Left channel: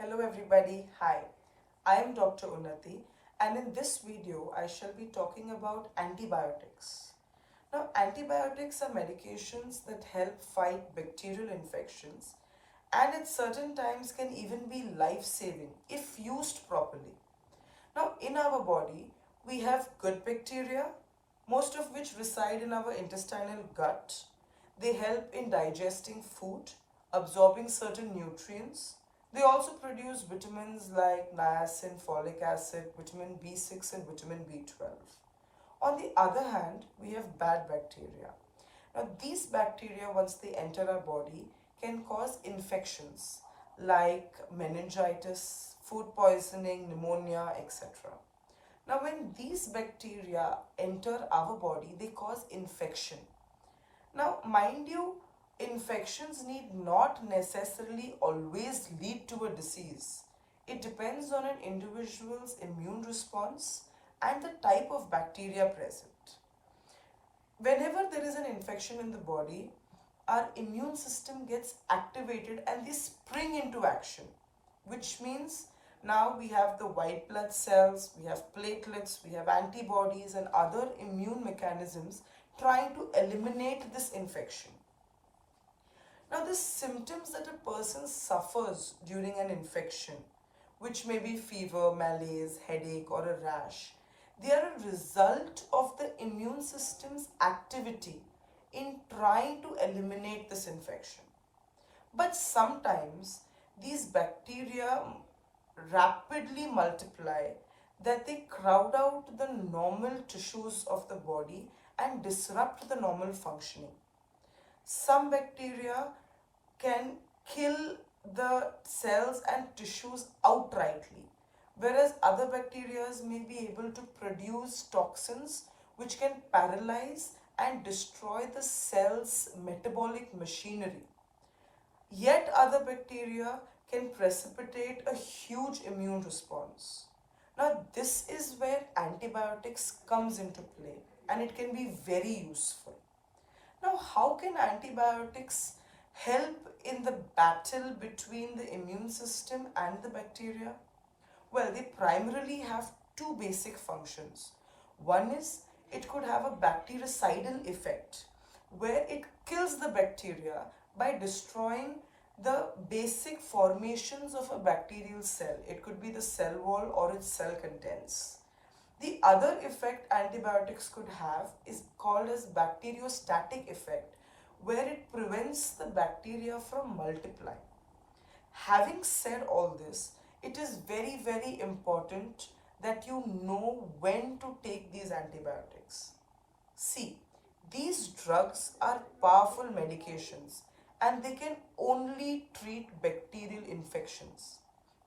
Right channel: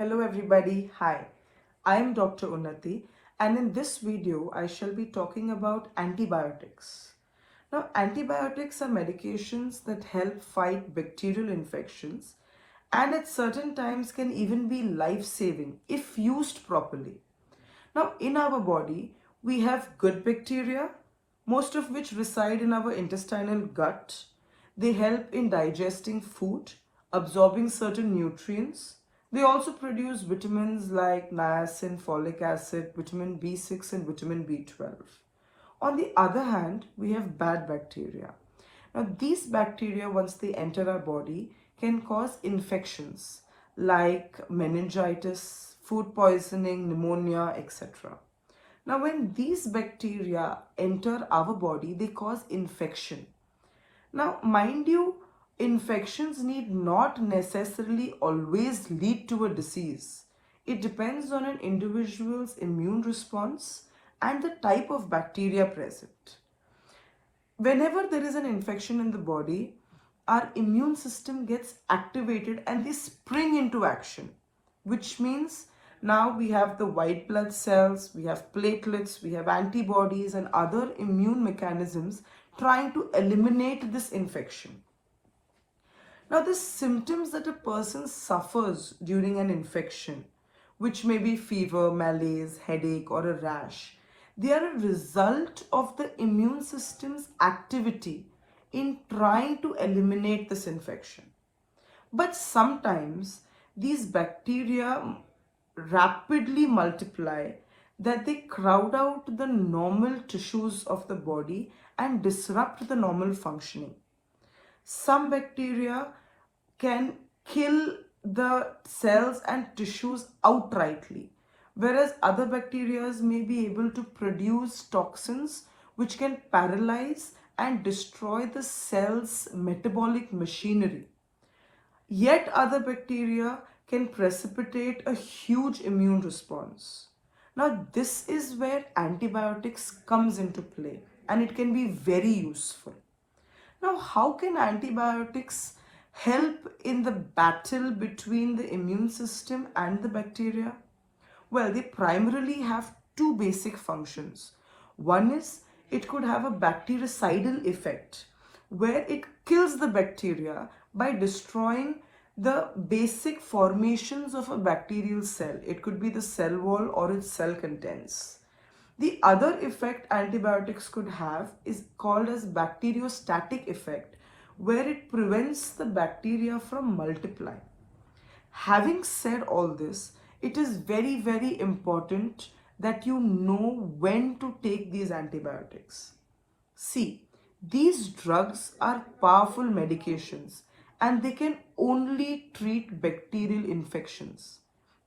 Hello everybody, hi. I am Dr.Unnati and in this video I shall be talking about antibiotics. Now antibiotics are medications that help fight bacterial infections and at certain times can even be life-saving if used properly. Now in our body we have good bacteria, most of which reside in our intestinal gut. They help in digesting food, absorbing certain nutrients. They also produce vitamins like niacin, folic acid, vitamin B6 and vitamin B12. On the other hand, we have bad bacteria. Now these bacteria, once they enter our body, can cause infections like meningitis, food poisoning, pneumonia, etc. Now when these bacteria enter our body, they cause infection. Now, mind you, infections need not necessarily always lead to a disease. It depends on an individual's immune response and the type of bacteria present. Whenever there is an infection in the body, our immune system gets activated and they spring into action, which means now we have the white blood cells, we have platelets, we have antibodies and other immune mechanisms trying to eliminate this infection. Now the symptoms that a person suffers during an infection, which may be fever, malaise, headache or a rash, they are a result of the immune system's activity in trying to eliminate this infection. But sometimes these bacteria rapidly multiply that they crowd out the normal tissues of the body and disrupt the normal functioning. Some bacteria can kill the cells and tissues outrightly, whereas other bacteria may be able to produce toxins which can paralyze and destroy the cell's metabolic machinery. Yet other bacteria can precipitate a huge immune response. Now this is where antibiotics comes into play and it can be very useful. Now how can antibiotics help in the battle between the immune system and the bacteria? Well, they primarily have two basic functions. One is it could have a bactericidal effect where it kills the bacteria by destroying the basic formations of a bacterial cell. It could be the cell wall or its cell contents. The other effect antibiotics could have is called as bacteriostatic effect, where it prevents the bacteria from multiplying. Having said all this, it is very, very important that you know when to take these antibiotics. See, these drugs are powerful medications and they can only treat bacterial infections.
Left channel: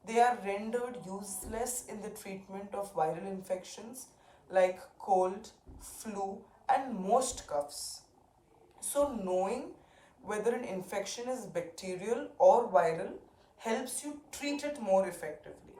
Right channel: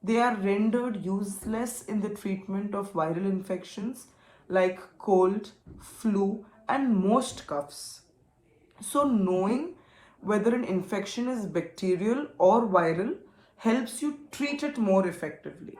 They are rendered useless in the treatment of viral infections like cold, flu, and most coughs. So knowing whether an infection is bacterial or viral helps you treat it more effectively.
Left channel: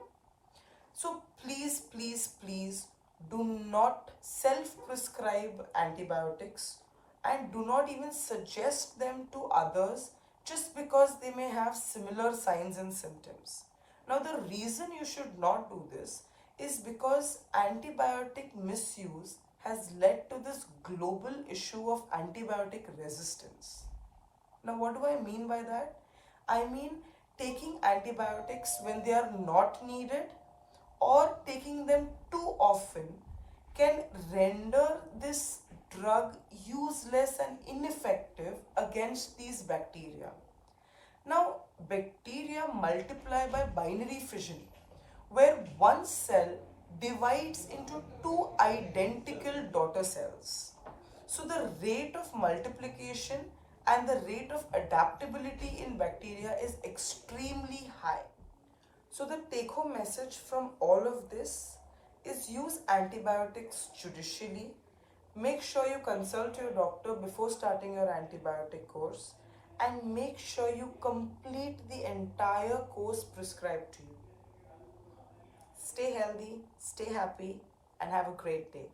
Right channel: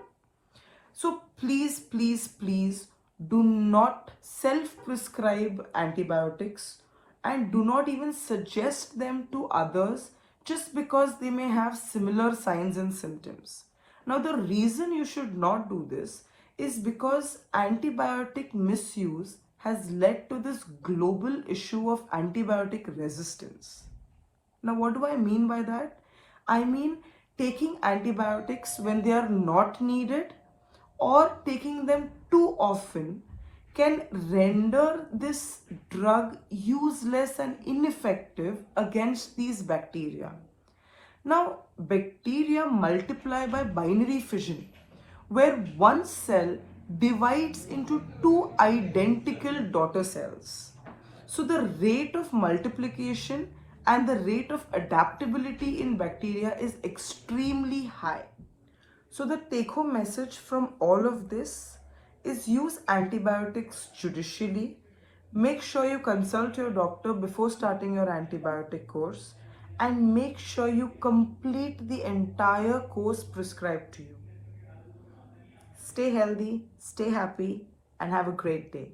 So please, please, please do not self-prescribe antibiotics and do not even suggest them to others just because they may have similar signs and symptoms. Now the reason you should not do this is because antibiotic misuse has led to this global issue of antibiotic resistance. Now what do I mean by that? I mean taking antibiotics when they are not needed or taking them too often can render this drug useless and ineffective against these bacteria. Now, bacteria multiply by binary fission, where one cell divides into two identical daughter cells. So the rate of multiplication and the rate of adaptability in bacteria is extremely high. So the take-home message from all of this is use antibiotics judicially. Make sure you consult your doctor before starting your antibiotic course and make sure you complete the entire course prescribed to you. Stay healthy, stay happy, and have a great day.